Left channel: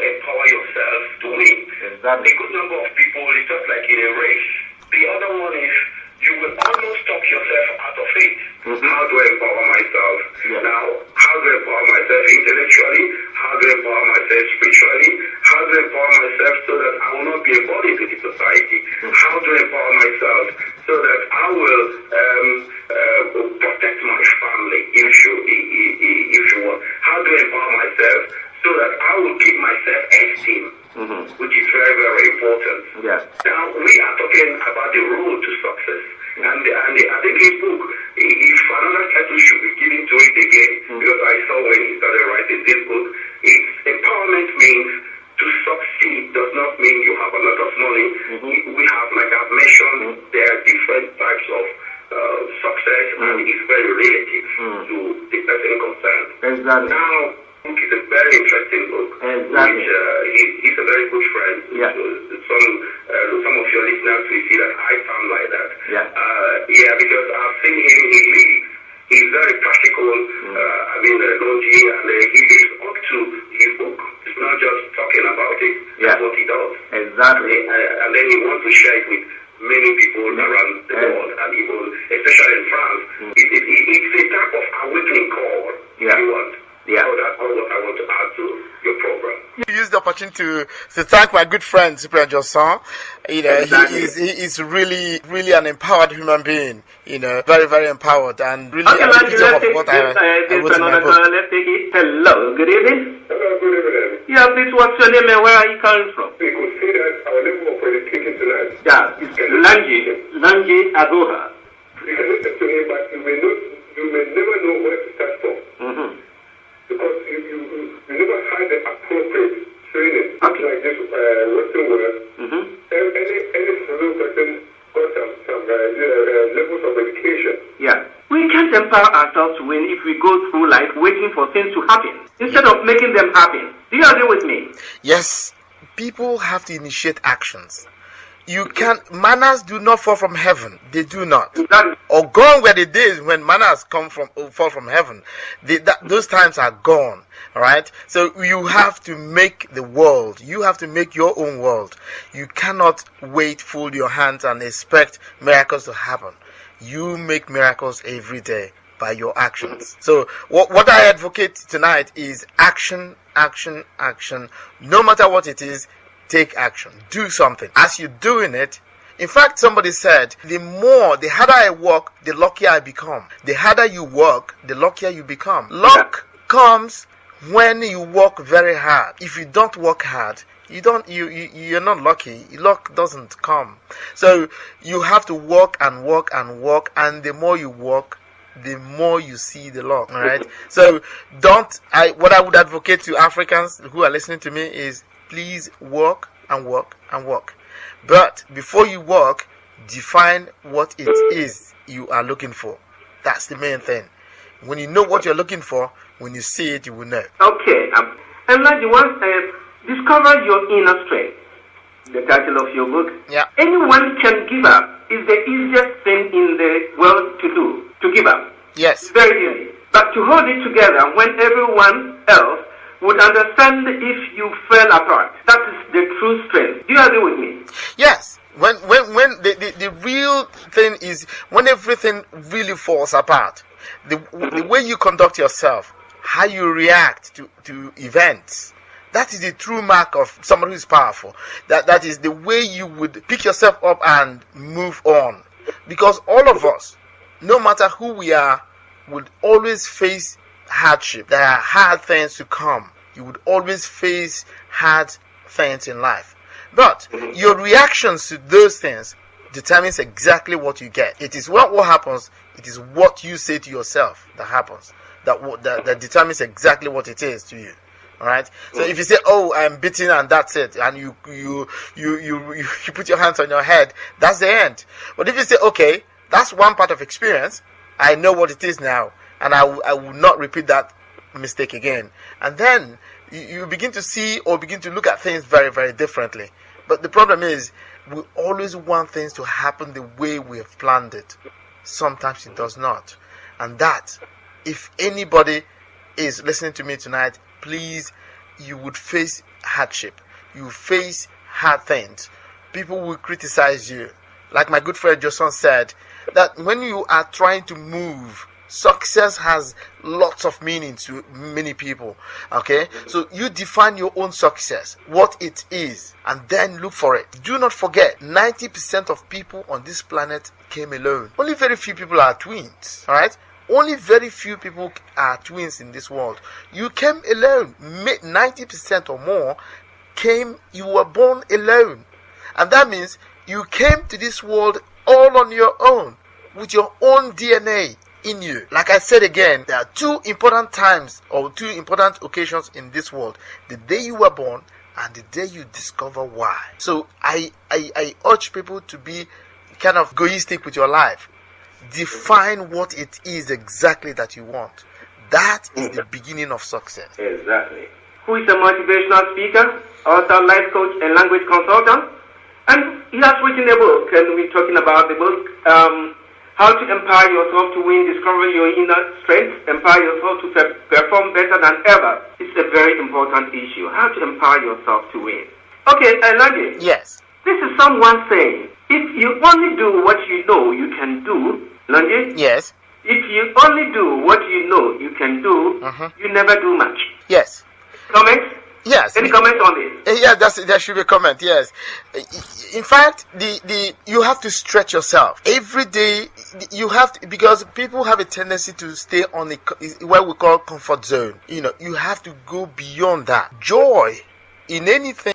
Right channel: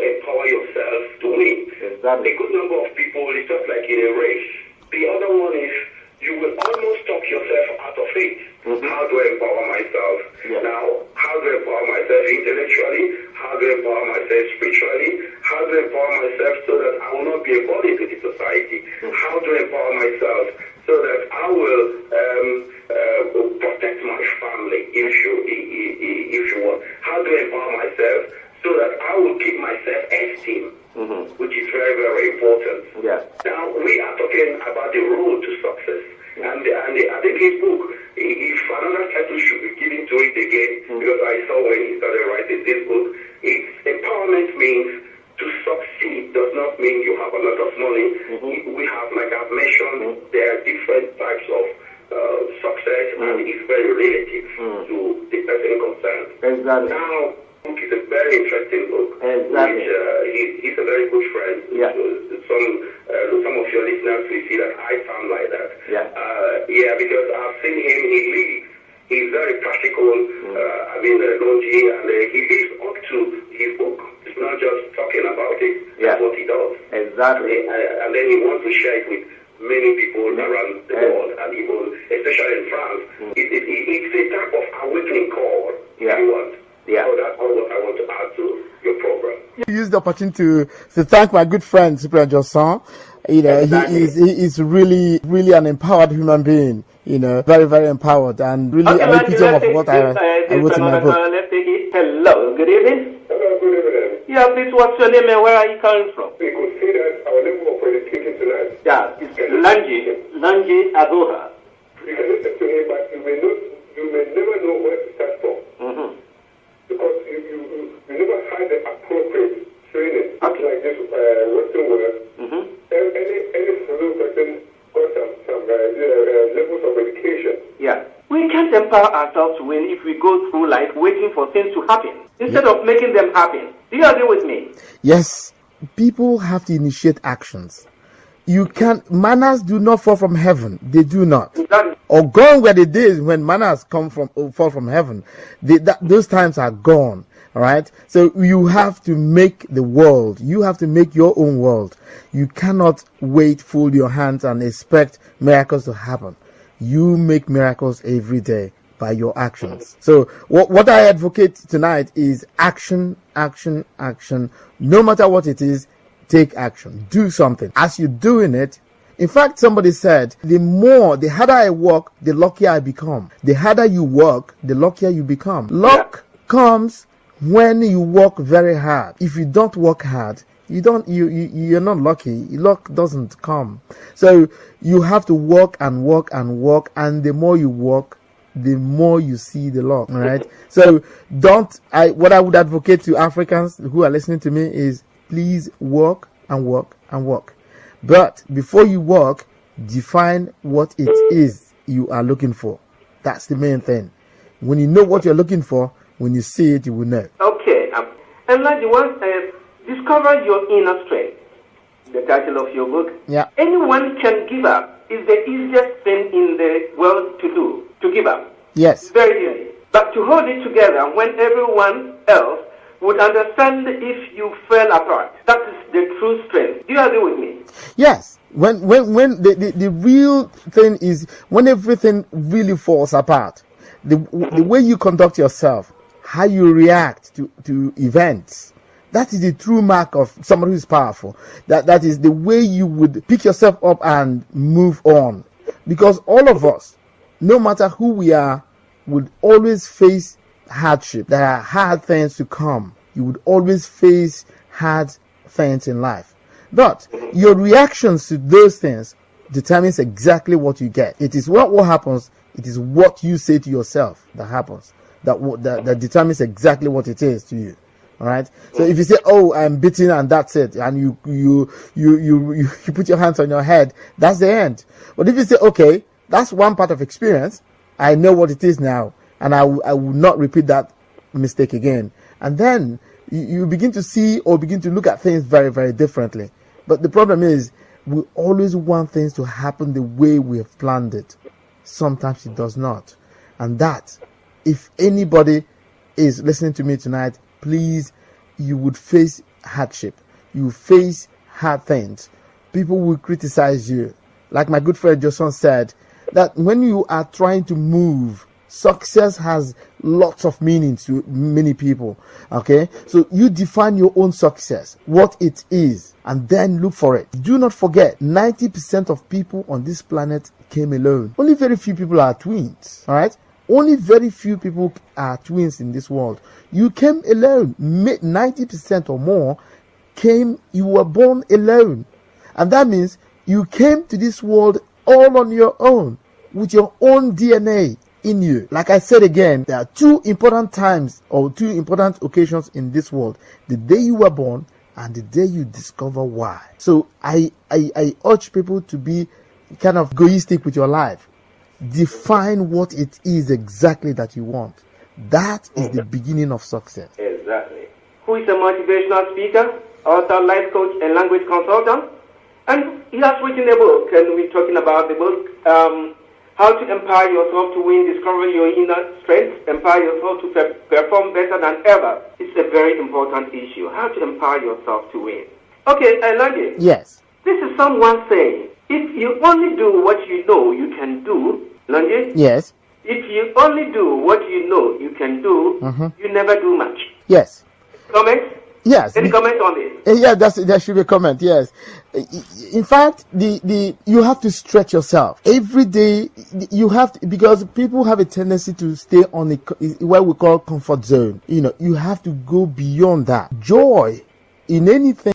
empower yourself to win. Exactly. A good number of people, it's just like in a race. The other one is you will almost talk yourself out of it. How do I empower myself? Yeah. Now, how do I empower myself intellectually? How do I empower myself spiritually? How do I empower myself so that I will not be a burden to the society? How do I empower myself so that I will protect my family, if you want? How do I empower myself so that I will give myself esteem, which is very, very important. Yeah. Now, we are talking about the road to success. And I think his book, if another title should be given to it again, because I saw when he started writing this book, it's empowerment means to succeed does not mean you have a lot of money. We have, like I've mentioned, there are different types of success, and it's very relative to the person concerned. Exactly. Now, book is a very interesting book. Exactly. Which, he's a very good friend. Yeah. Some of your listeners will see that I sound like that. Yeah. Because I've seen him, he lives. He's very practical, Logi, and he lives up to his book. It's not just talking about it, that's what he does. Exactly. And then he wants to share it with many people around the world, and even, especially in France. It's a type of awakening call, if you want. Yeah. So that's all what I want to add to your program. You use the opportunity to thank my good friend Spreaker. You know, Exactly. he is really an empowered human being. You know, very, very empowered, and really an epitome of what I wrote in my book. Let's take it. Hello, good evening. Hello, good evening. Yeah, please, what's your name and where are you calling from? We could see that our level of education tonight. Yeah, it's Adehye Adehye. You can listen to him, but you may never know where to start from. Because you never had the appropriate training. Okay. Like this Western world. Any solo person got some levels of education. Yeah. We can't empower ourselves when if we go through life waiting for things to happen instead of making them happen. Do you agree with me? Yes, people have to initiate actions. You can't. Manners do not fall from heaven. They do not. Or gone were the days when manners fall from heaven. Those times are gone. All right. So you have to make the world. You have to make your own world. You cannot wait, fold your hands, and expect miracles to happen. You make miracles every day by your actions. So what I advocate tonight is action, action, action. No matter what it is, take action. Do something. As you're doing it, in fact, somebody said, the harder I work, the luckier I become. The harder you work, the luckier you become. Luck comes when you work very hard. If you don't work hard, you're not lucky. Luck doesn't come. So you have to work and work and work, and the more you work, the more you see the luck. All right. So what I would advocate to Africans who are listening to me is, please work and work and work. But before you work, define what it is you are looking for. That's the main thing. When you know what you're looking for, when you see it, you will know. Okay. And like you want discover your inner strength. The title of your book. Yeah. Anyone can give up. Is the easiest thing in the world to do. To give up. Yes. It's very easy. But to hold it together when everyone else would understand if you fell apart. That is the true strength. Do you agree with me? Yes. When the real thing is when everything really falls apart. The way you conduct yourself, how you react to events, that is the true mark of somebody who is powerful. That is the way you would pick yourself up and move on. Because all of us, no matter who we are, would always face hardship. There are hard things to come. You would always face hard things in life. But your reactions to those things determines exactly what you get. It is what happens. It is what you say to yourself that happens. That determines exactly what it is to you. All right. So if you say, "Oh, I'm beaten," and that's it, and you put your hands on your head, that's the end. But if you say, "Okay, that's one part of experience. I know what it is now, and I will not repeat that mistake again," and then you begin to see or begin to look at things very, very differently. But the problem is, we always want things to happen the way we have planned it. Sometimes it does not. And that, if anybody is listening to me tonight, please, you would face hardship. You face hard things. People will criticize you. Like my good friend Johnson said, that when you are trying to move, success has lots of meaning to many people. Okay, so you define your own success, what it is, and then look for it. Do not forget, 90% of people on this planet came alone. Only very few people are twins. All right, only very few people are twins in this world. You came alone. 90% or more came. You were born alone, and that means you came to this world all on your own, with your own DNA in you. Like I said again, there are two important times or two important occasions in this world: the day you were born and the day you discover why. So I urge people to be kind of egoistic with your life. Define what it is exactly that you want. That is the beginning of success. Exactly. Who is a motivational speaker, author, life coach, and language consultant? And he has written a book, and we're talking about the book, How to Empower Yourself to Win, Discover Your Inner Strength, Empower Yourself to Perform Better Than Ever. It's a very important issue, how to empower yourself to win. Okay, Lange. Yes. This is someone saying, if you only do what you know you can do, Lange. Yes. If you only do what you know you can do, you never do much. Yes. Comments? Yes. Any comments on this? Yeah, there should be a comment. Yes. In fact, you have to stretch yourself every day. You have to, because people have a tendency to stay on what we call comfort zone. You have to go beyond that. Joy in anything.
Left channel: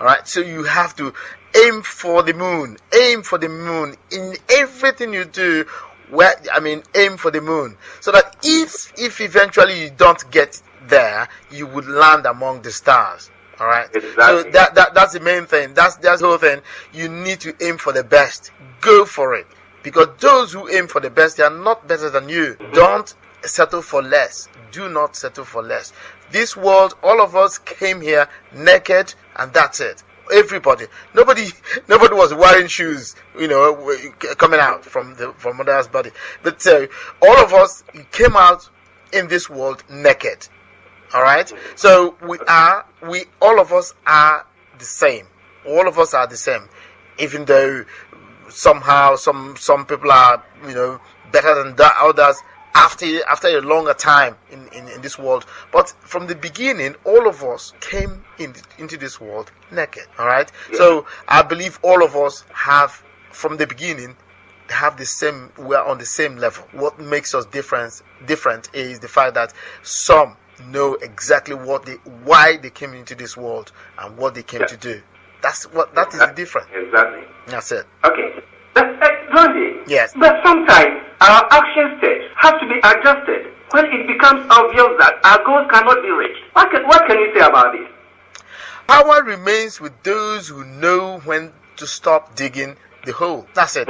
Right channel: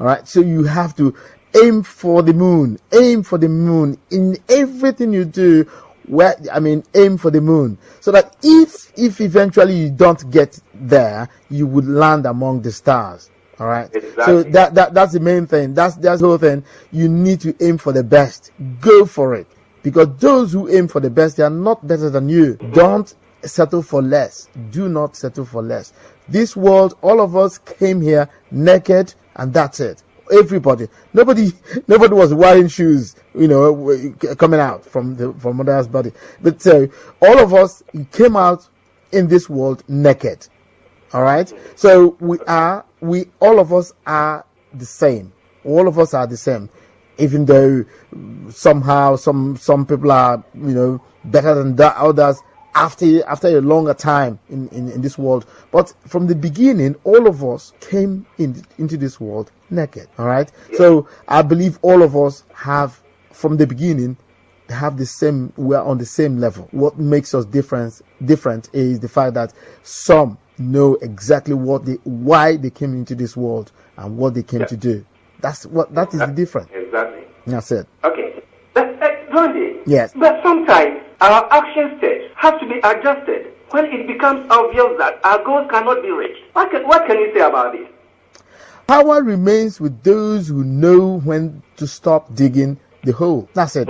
All right. So you have to aim for the moon. Aim for the moon in everything you do. Aim for the moon, so that if eventually you don't get there, you would land among the stars. All right. Exactly. So that's the main thing. That's the whole thing. You need to aim for the best. Go for it, because those who aim for the best, they are not better than you. Don't settle for less. Do not settle for less. This world, all of us came here naked, and that's it. Everybody, nobody was wearing shoes, coming out from mother's body. But all of us came out in this world naked. All right. So all of us are the same. All of us are the same. Even though somehow some people are better than others after a longer time in this world, but from the beginning, all of us came into this world naked. All right. So I believe all of us have, from the beginning, we're on the same level. What makes us different is the fact that some know exactly why they came into this world and what they came to do. That is the difference. Exactly. That's it. Okay. Randy, yes. But sometimes our action steps have to be adjusted when it becomes obvious that our goals cannot be reached. What can you say about this? Power remains with those who know when to stop digging the hole. That's it.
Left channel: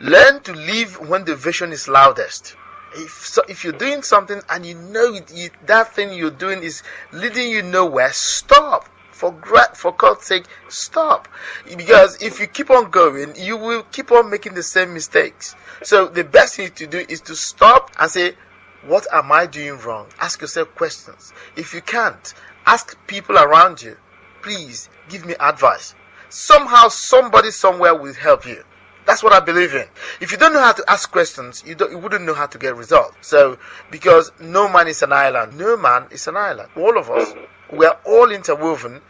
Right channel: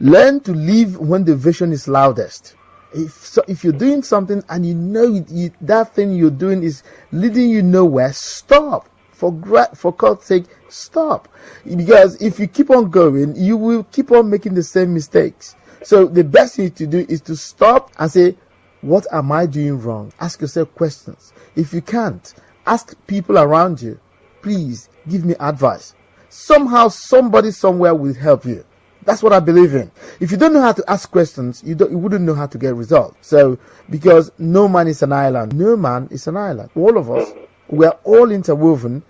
Learn to leave when the vision is loudest. If you're doing something and you know that thing you're doing is leading you nowhere, stop. For God's sake, stop. Because if you keep on going, you will keep on making the same mistakes. So the best thing to do is to stop and say, what am I doing wrong? Ask yourself questions. If you can't, ask people around you, please give me advice. Somehow, somebody somewhere will help you. That's what I believe in. If you don't know how to ask questions, you wouldn't know how to get results. So, because no man is an island. No man is an island. All of us, we are all interwoven.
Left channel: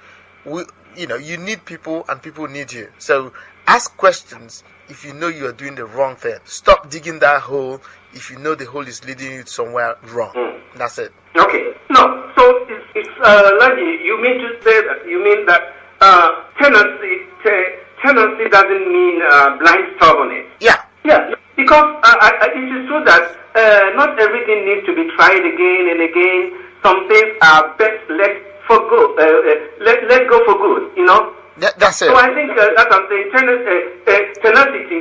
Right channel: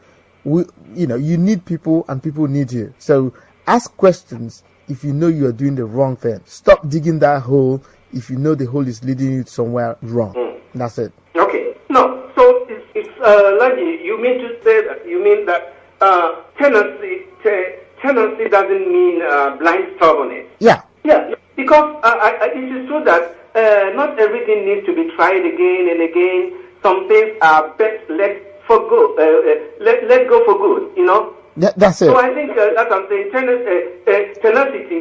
You need people and people need you. So ask questions if you know you are doing the wrong thing. Stop digging that hole if you know the hole is leading you somewhere wrong. That's it. Okay. No. So Lange, you mean to say that tendency doesn't mean blind stubbornness. Yeah. Yeah. Because it is true that not everything needs to be tried again and again. Some things are best let go for good, That's it. So I think that's what I'm saying.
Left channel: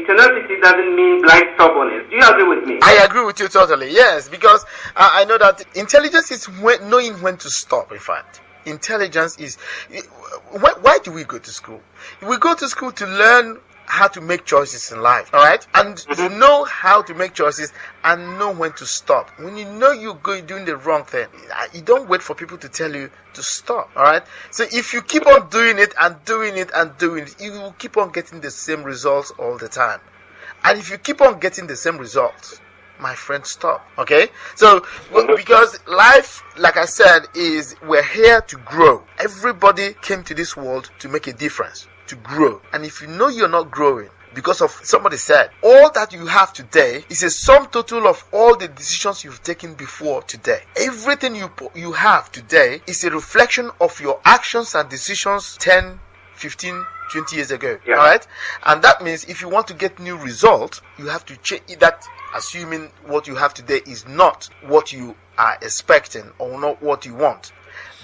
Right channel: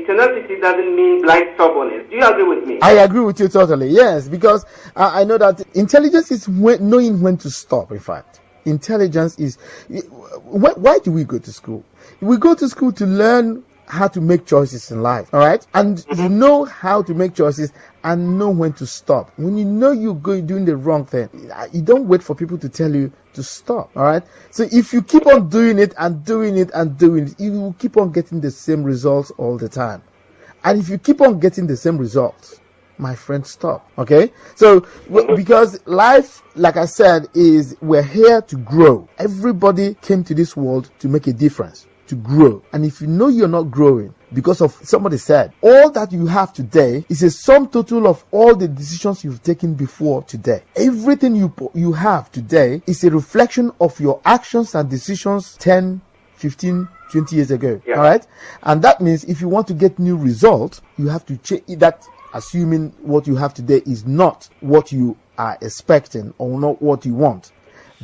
Tenacity doesn't mean blind stubbornness. Do you agree with me? I agree with you totally. Yes, because I know that intelligence is knowing when to stop. In fact, intelligence is. Why do we go to school? We go to school to learn how to make choices in life, all right? And you know how to make choices and know when to stop. When you know you're doing the wrong thing, you don't wait for people to tell you to stop, all right? So if you keep on doing it and doing it and doing it, you will keep on getting the same results all the time. And if you keep on getting the same results, my friend, stop. Okay? So, because life, like I said, is we're here to grow. Everybody came to this world to make a difference, to grow. And if you know you're not growing because of somebody said, all that you have today is a sum total of all the decisions you've taken before today. Everything you have today is a reflection of your actions and decisions 10, 15, 20 years ago. All right? And that means if you want to get new results, you have to change that, assuming what you have today is not what you are expecting or not what you want.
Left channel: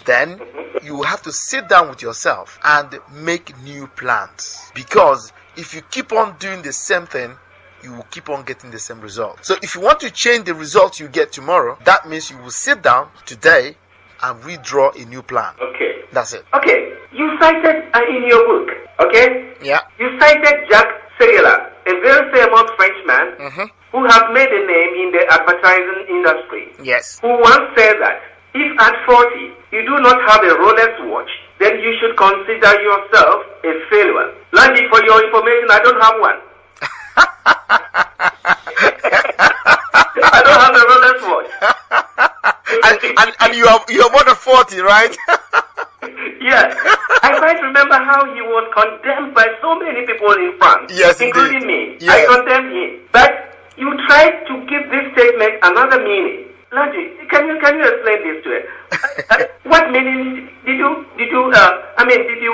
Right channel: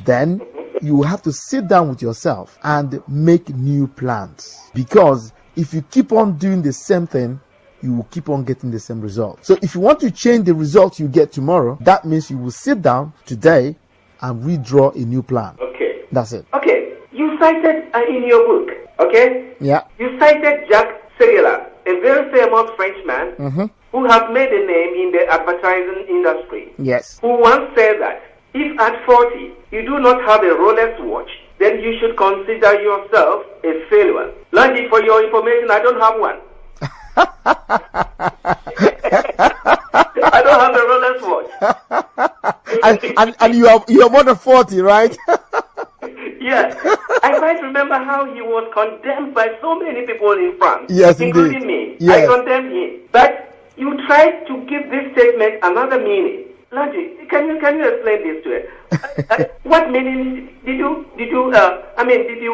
Then you have to sit down with yourself and make new plans. Because if you keep on doing the same thing, you will keep on getting the same result. So if you want to change the result you get tomorrow, that means you will sit down today and redraw a new plan. Okay. That's it. Okay. You cited in your book, okay? Yeah. You cited Jacques Seguela, a very famous Frenchman who has made a name in the advertising industry. Yes. Who once said that if at 40 you do not have a Rolex watch, then you should consider yourself a failure. Lucky for your information, I don't have one. I don't have a Rolex watch. and you're more than 40, right? Yes. I quite remember how he was condemned by so many people in France. Yes, including indeed. me. Yes. I condemned him. But you tried to give this statement another meaning. Lanji, can you explain this to us? What meaning did you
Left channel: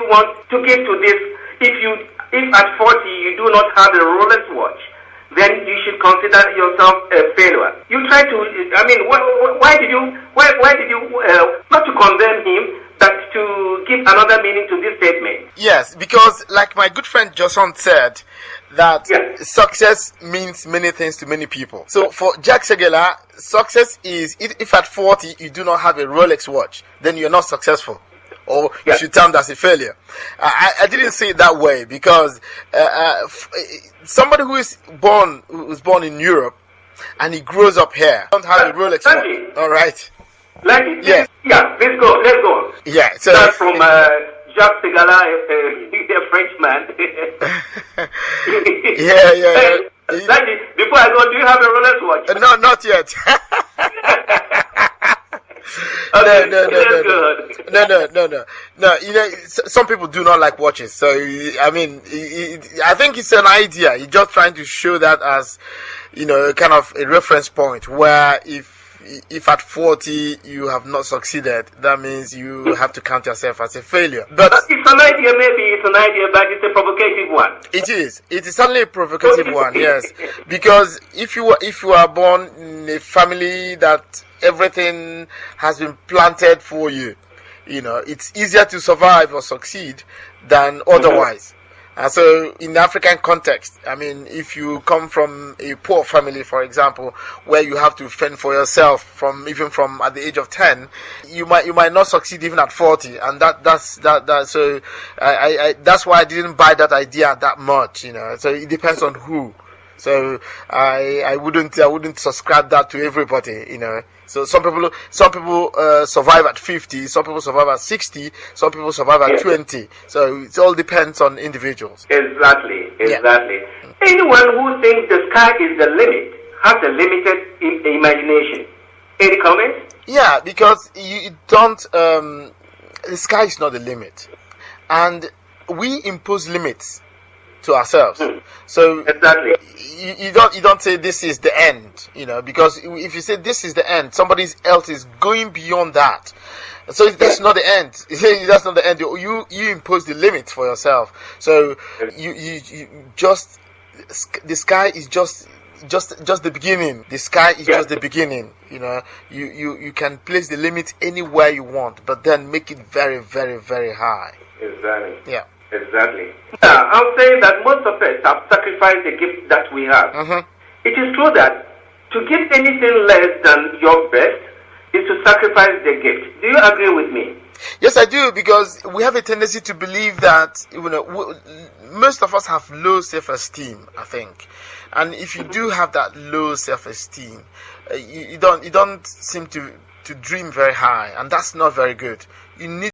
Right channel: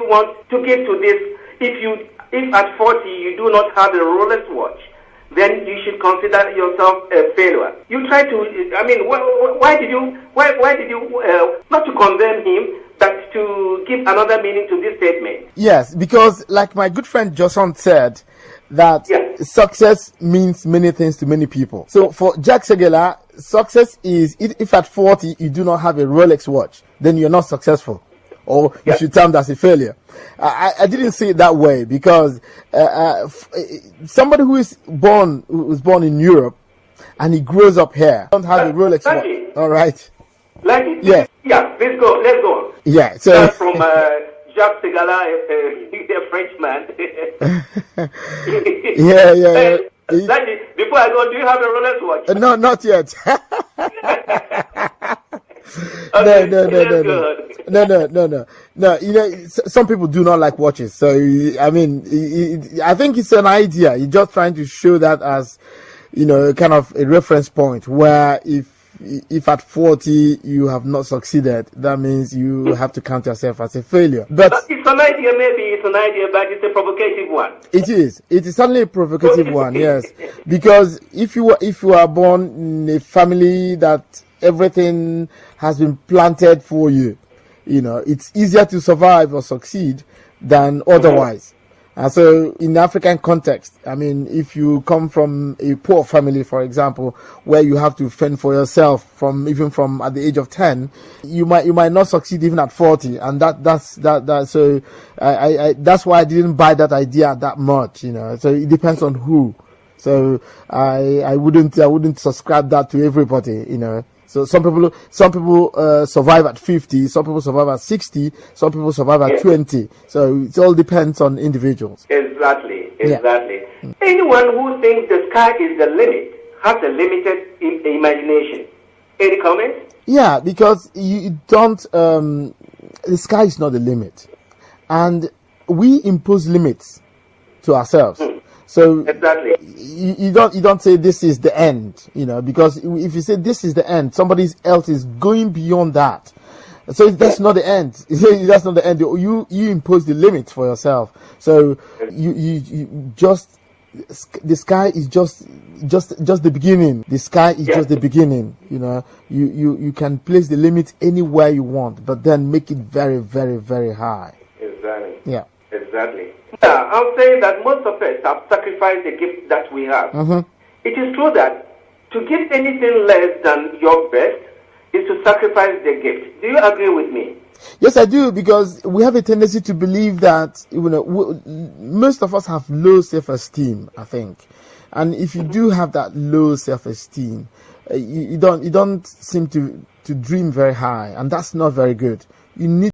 want to give to this? If at 40 you do not have a Rolex watch, then you should consider yourself a failure. You try to, why did you not to condemn him, but to give another meaning to this statement? Yes, because like my good friend Johnson said, that success means many things to many people. So for Jacques Seguela, success is if at 40 you do not have a Rolex watch, then you're not successful, or you should term that as a failure. I didn't see it that way, because somebody who was born in Europe and he grows up here don't have a Rolex watch. All right. Yeah. Yeah. Let's go. Yeah. So from Jacques Seguela, a Frenchman. yeah. Before I go, do you have a Rolex watch? No, not yet. No. You know, some people do not like watches. So I mean, I think it's an idea. You're just trying to show that as, kind of a reference point where if at 40 you have not succeeded, that means you have to count yourself as a failure. But it's an idea, but it's a provocative one. It is certainly a provocative one, yes. Because if you are born in a family that everything has been planted for you, it's easier to survive or succeed than otherwise. And so in the African context, I mean, if you come from a poor family, for example, where you have to fend for yourself from at the age of 10, you might not succeed even at 40. And that's so that's why I didn't buy that idea that much, so it depends on who. So I wouldn't subscribe that to everybody, So some people survive at 50, some people survive at 60, some people survive at 20. So it all depends on individuals. Exactly. Yeah. Anyone who thinks the sky is the limit has a limited imagination. Any comments? Yeah, because you don't. The sky is not the limit, and we impose limits to ourselves. So exactly. you don't say this is the end, because if you say this is the end, somebody else is going beyond that. So that's not the end. That's not the end. You impose the limits for yourself. So you just, the sky is just the beginning. The sky is just the beginning. You can place the limit anywhere you want, but then make it very, very, very high. Exactly. Yeah. Exactly. I'll say that most of us have sacrificed the gift that we have. It is true that to give anything less than your best is to sacrifice the gift. Do you agree with me? Yes, I do, because we have a tendency to believe that most of us have low self-esteem, I think, and if you do have that low self-esteem, you don't seem to dream very high, and that's not very good. You need